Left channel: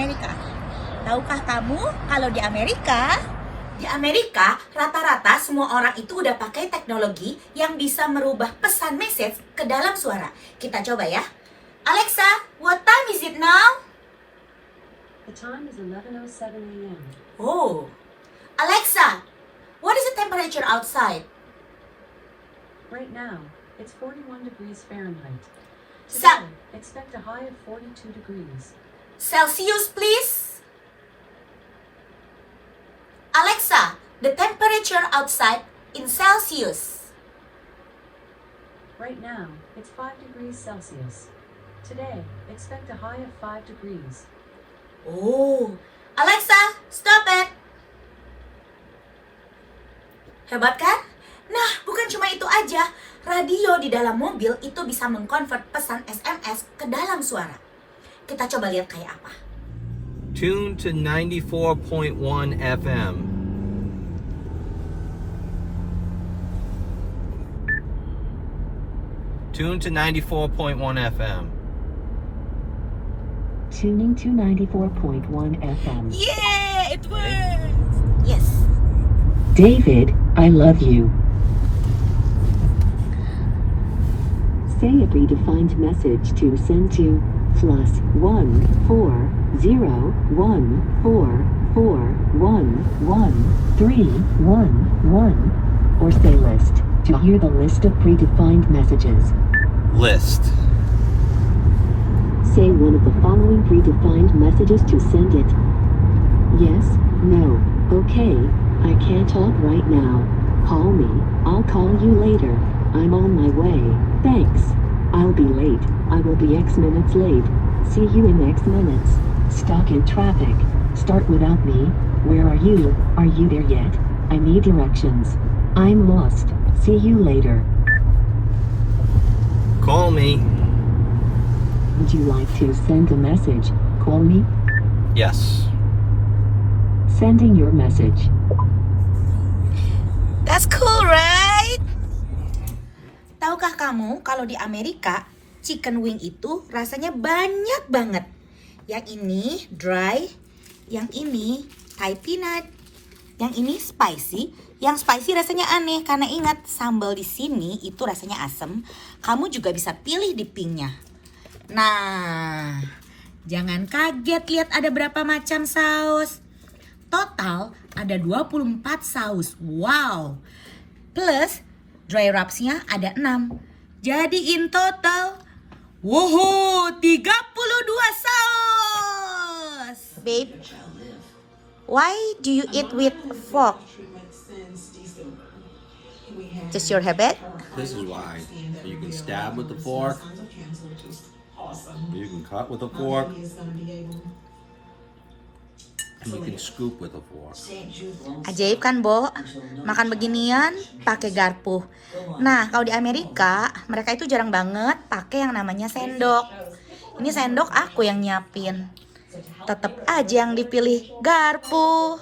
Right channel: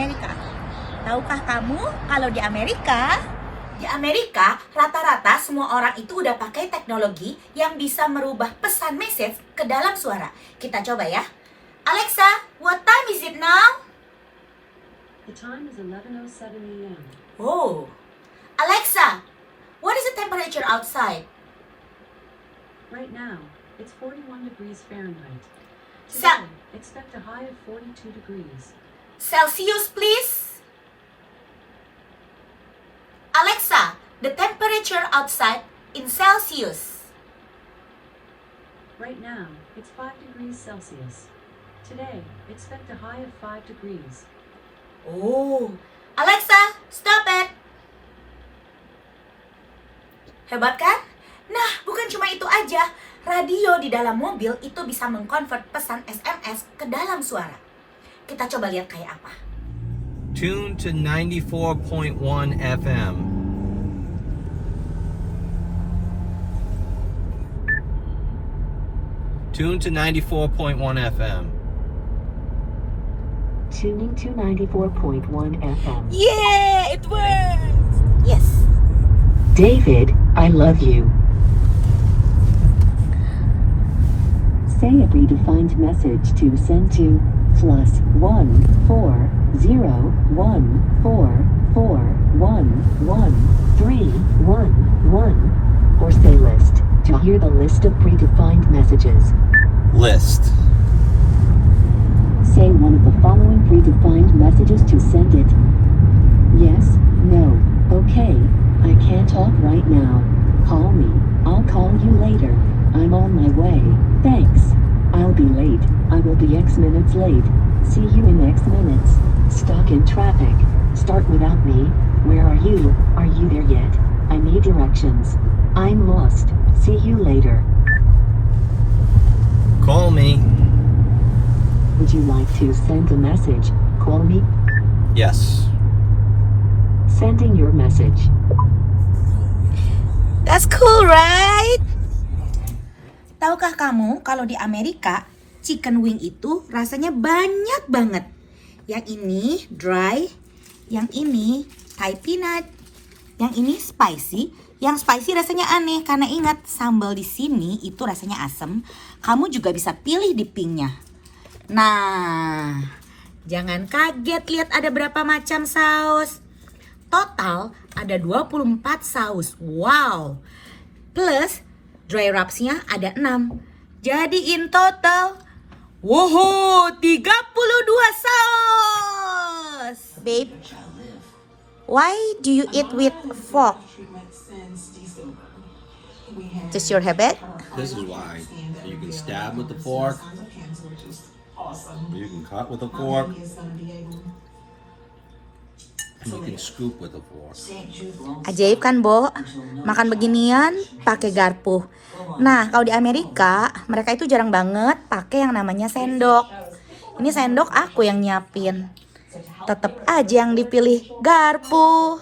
Amerika. Tahukah kamu kalau di Amerika rata-rata semua orang itu udah pakai teknologi yang bisa merubah pesan message ke dalam suara. Kita coba ya. Alexa, what time is it now? The time is 11:07 a.m. Oh. Alexa, what is the temperature outside? Right now, it's 41 degrees Fahrenheit. Sa- Today, expect a high of 42 degrees. Celsius, please. Alexa, the temperature outside in Celsius. Right now, it's 5 degrees Celsius. Today, expect a high of 5 degrees. Oh, Alexa, stop it. Hebat kan? Nah, bukan cuma itu aja. Radio di dalam mobil itu bisa mengkonvert pesan SMS ke dalam suara. Kita coba lihat kayak apa. Tune to 94.1 FM. Tune to 94.1 FM. Tuning to 94.1 FM. Yeah, it works. Yes. David, I love you. Say a predefined message to send to +14014411311 or say list to hear the list of predefined messages. List. Say one of the following predefined messages to send it. Yes, no, okay, I can't talk right now. Call me, I'll call you later. I'm on my way. Thanks. I'll be late. I will be X minutes late. See you in X minutes. Stuck in traffic. Start without me. Where are you? Are you there yet? I need directions. I'm lost. See you later. Call me. Would you like to send a message? Call me. Yes. Sending your message. That's cool, right? Tahukah kamu kalau di Amerika chicken wing itu rasanya banyak banget. Yang ini dry, yang ini Thai peanut, yang ini spicy. Yang spicy rasanya aneh karena ingat sambal di sini itu rasanya asem. Kamu juga bisa pilih dippingnya. Nah, jangan kaget lihat ada berapa macam saus. Total ada 24 saus. Wow. Plus dry rubs-nya ada 6. Jadi in total, wow, 32 saus. Babe, why do you eat with fork? Just your habit? This is why. You can stab with the fork. You can cut with a fork. And you can scoop with a fork. Ajaib kan, Bo? Makan beginian pakai garpu. Nah, kalau di Amerika, mereka itu jarang banget pakai yang namanya sendok. Ini sendok aku yang nyiapin. Tetap aja yang dipilih garpu.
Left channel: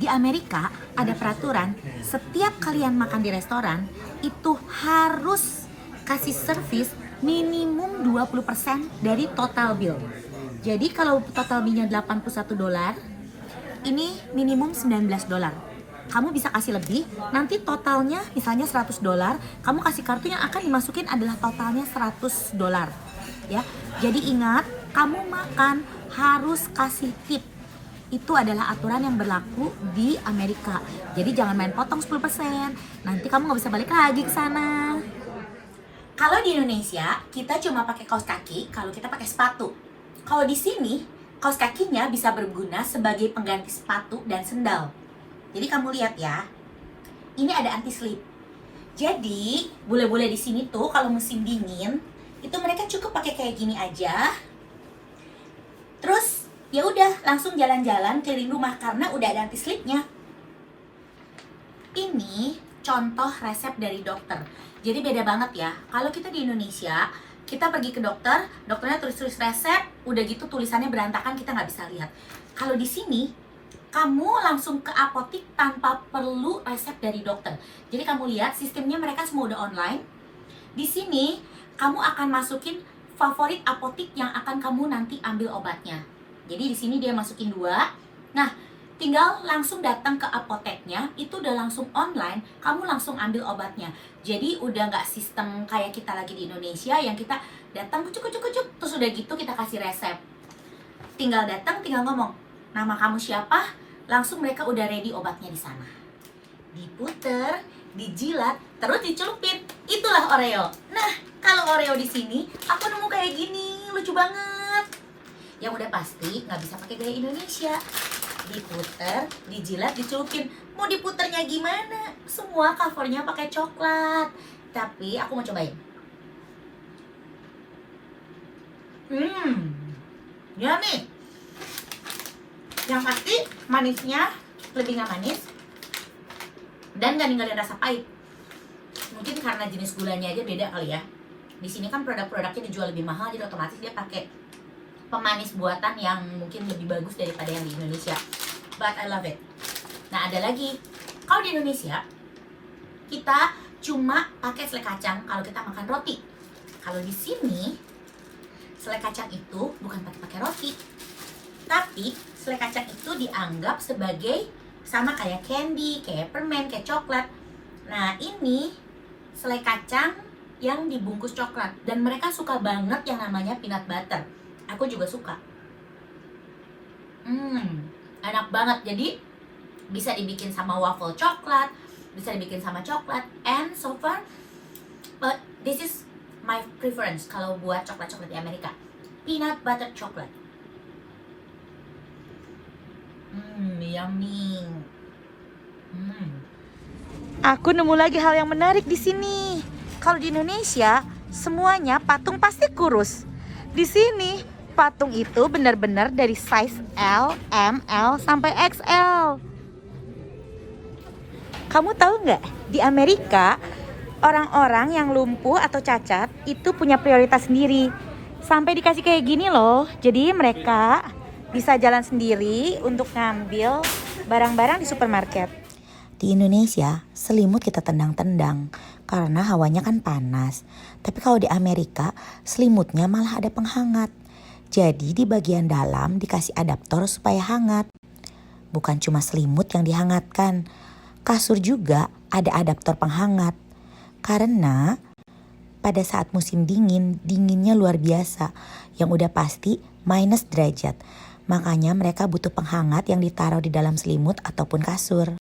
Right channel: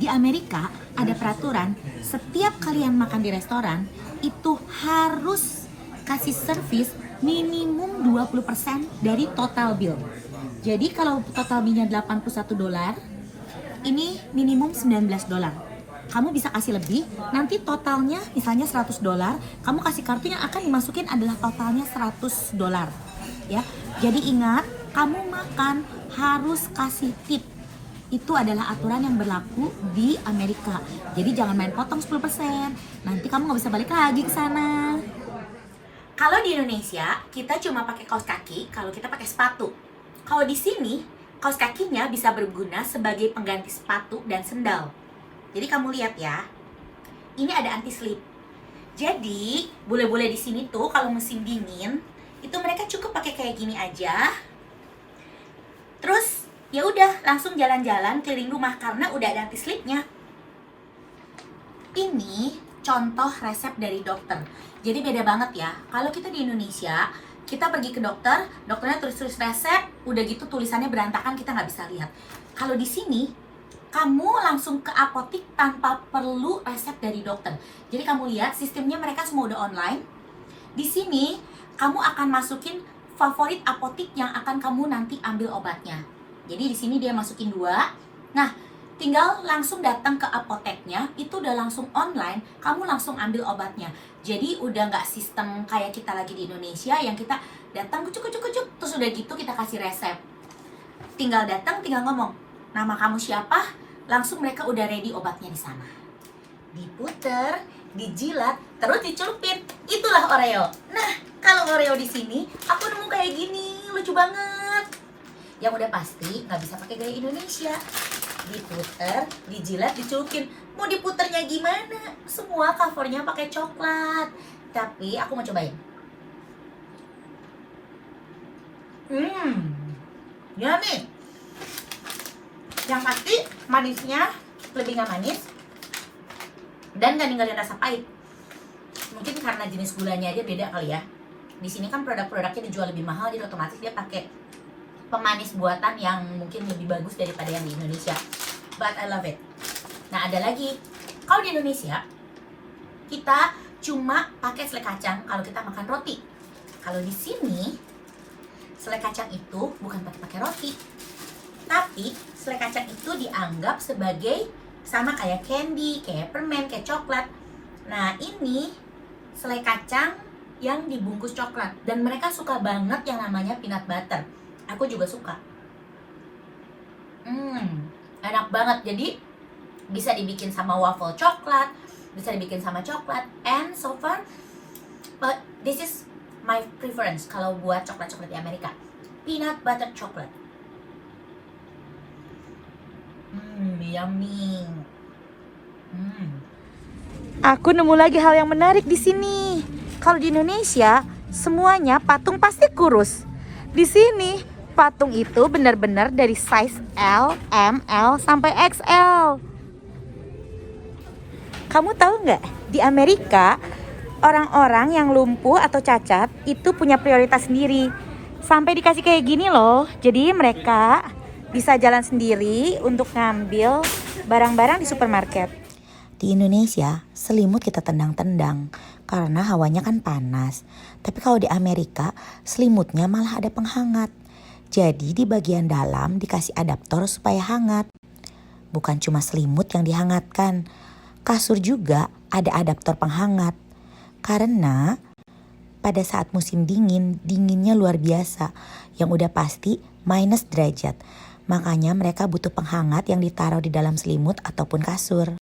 Di Amerika ada peraturan, setiap kalian makan di restoran itu harus kasih servis minimum 20% dari total bill. Jadi kalau total bill-nya $81, ini minimum $19. Kamu bisa kasih lebih, nanti totalnya misalnya $100, kamu kasih kartu yang akan dimasukin adalah totalnya $100. Ya. Jadi ingat, kamu makan harus kasih tip. Itu adalah aturan yang berlaku di Amerika. Jadi jangan main potong 10%, nanti kamu nggak bisa balik lagi ke sana. Kalau di Indonesia, kita cuma pakai kaos kaki kalau kita pakai sepatu. Kalau di sini, kaos kakinya bisa berguna sebagai pengganti sepatu dan sendal. Jadi kamu lihat ya, ini ada anti slip. Jadi bule-bule di sini tuh kalau musim dingin, itu mereka cukup pakai kayak gini aja. Terus ya udah langsung jalan-jalan keliling rumah karena udah ada anti slipnya. Ini contoh resep dari dokter. Jadi beda banget ya. Kalau kita di Indonesia, kita pergi ke dokter, dokternya tulis-tulis resep, udah gitu tulisannya berantakan, kita nggak bisa lihat. Kalau di sini, kamu langsung ke apotik tanpa perlu resep dari dokter. Jadi kamu lihat sistemnya mereka semua udah online. Di sini, kamu akan masukin favorit apotik yang akan kamu nanti ambil obatnya. Jadi di sini dia masukin 2. Nah, tinggal langsung datang ke apoteknya, itu udah langsung online, kamu langsung ambil obatnya. Jadi udah nggak sistem kayak kita lagi di Indonesia yang kita datang kucuk, terus udah gitu kita kasih resep. Tinggal datang, tinggal ngomong, nama kamu siapa, langsung mereka udah ready obatnya di sana. Diputer, dijilat, terus dicelupin. Itulah Oreo. Nah, kalau Oreo di sini, aku nemu kayak gini, lucu banget. Yang udah pasti nggak bisa pakai gaya Indonesia. Diputer, dijilat, dicelupin. Mau diputernya gimana? Semua covernya pakai coklat. Tapi aku mau cobain. Yummy. Yang pasti manisnya lebih nggak manis dan nggak ninggalin rasa pahit. Mungkin karena jenis gulanya aja beda kali ya. Di sini kan produk-produknya dijual lebih mahal, jadi otomatis dia pakai pemanis buatan yang mungkin lebih bagus daripada yang di Indonesia. But I love it. Nah, ada lagi. Kalau di Indonesia, kita cuma pakai selai kacang kalau kita makan roti. Kalau di sini, selai kacang itu bukan pakai roti. Tapi, selai kacang itu dianggap sebagai sama kayak candy, kayak permen, kayak coklat. Nah, ini selai kacang yang dibungkus coklat. Dan mereka suka banget yang namanya peanut butter. Aku juga suka. Enak banget. Jadi bisa dibikin sama waffle coklat, bisa dibikin sama coklat. And so far, but this is my preference kalau buat coklat-coklat di Amerika. Peanut butter chocolate. Yummy. Aku nemu lagi hal yang menarik di sini. Kalau di Indonesia, semuanya patung pasti kurus. Di sini patung itu benar-benar dari size L, M, L, sampai XL. Kamu tahu nggak? Di Amerika, orang-orang yang lumpuh atau cacat itu punya prioritas sendiri. Sampai dikasih kayak gini loh. Jadi mereka bisa jalan sendiri untuk ngambil barang-barang di supermarket. Di Indonesia, selimut kita tendang-tendang karena hawanya kan panas. Tapi kalau di Amerika, selimutnya malah ada penghangat. Jadi di bagian dalam dikasih adaptor supaya hangat. Bukan cuma selimut yang dihangatkan, kasur juga ada adaptor penghangat. Karena pada saat musim dingin, dinginnya luar biasa, yang udah pasti minus derajat. Makanya mereka butuh penghangat yang ditaruh di dalam selimut ataupun kasur.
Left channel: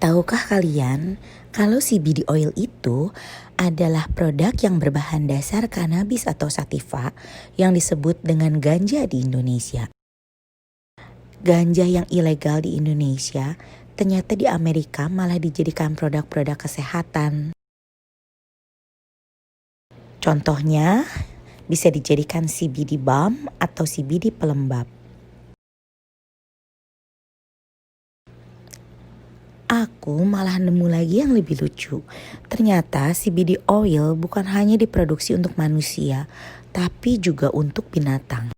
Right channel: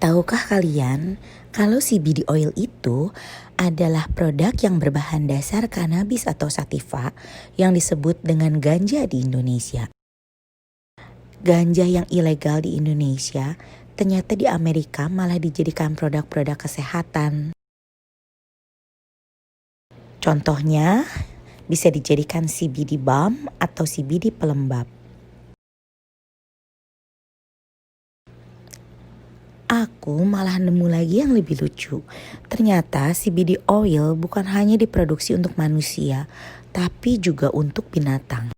Tahukah kalian kalau CBD oil itu adalah produk yang berbahan dasar cannabis atau sativa yang disebut dengan ganja di Indonesia. Ganja yang ilegal di Indonesia ternyata di Amerika malah dijadikan produk-produk kesehatan. Contohnya bisa dijadikan CBD balm atau CBD pelembab. Aku malah nemu lagi yang lebih lucu. Ternyata CBD oil bukan hanya diproduksi untuk manusia, tapi juga untuk binatang.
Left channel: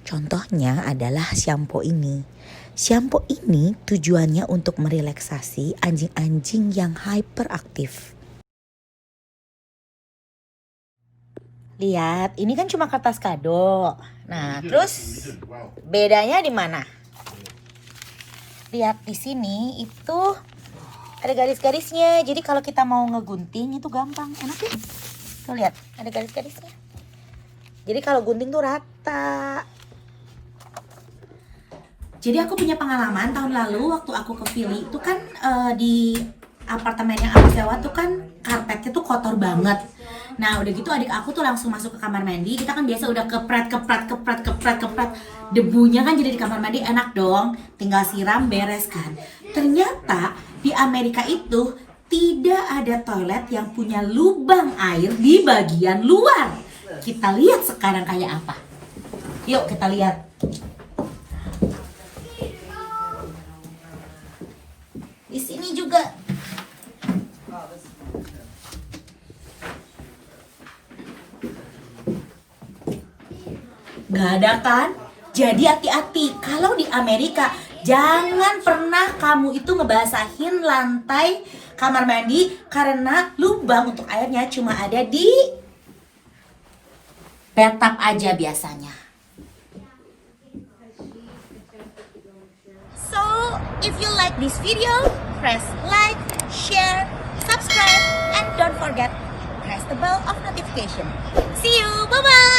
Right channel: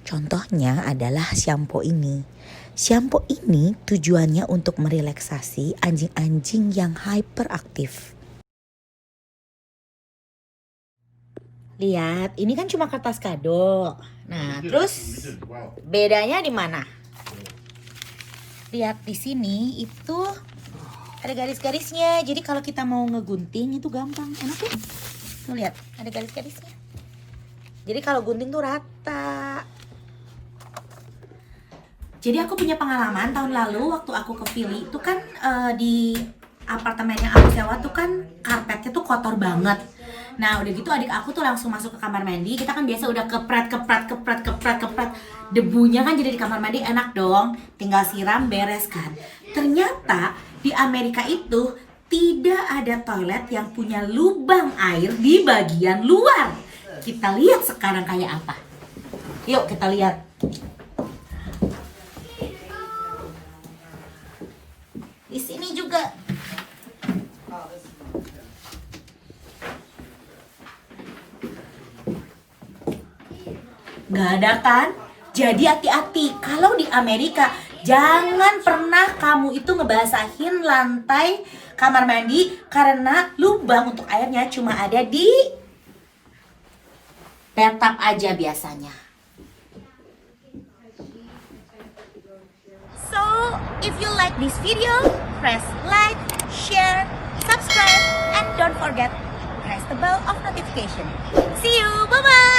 Contohnya adalah shampoo ini. Shampoo ini tujuannya untuk merelaksasi anjing-anjing yang hyperaktif. Lihat, ini kan cuma kertas kado. Nah, terus bedanya di mana? Lihat di sini itu ada garis-garisnya. Jadi kalau kita mau ngegunting itu gampang. Ini tuh, mau lihat ada garis-garisnya. Jadi kalau gunting tuh rata. Jadi aku punya pengalaman tahun lalu waktu aku ke Philly itu kan di apartemen yang aku sewa tuh kan karpetnya tuh kotor banget. Nah udah gitu adik aku tuh langsung masuk ke kamar mandi. Kita kan biasa udah kepret. Debunya kan jadi di kamar mandi enak dong. Tinggal siram beres kan. Ternyata di Amerika itu tidak ada toilet yang punya lubang air di bagian luar. Kita lihat sekarang kayak apa. Yuk kita lihat. Di sini juga. Gak ada kan? Jadi hati-hati. Kalau di Amerika, jangan pernah kamu itu ngebasahin lantai kamar mandi karena lubang untuk airnya cuma ada di bathtub aja biasanya. If you like this video, press like, share, subscribe, and don't forget press the bell of notification. See you, bye bye.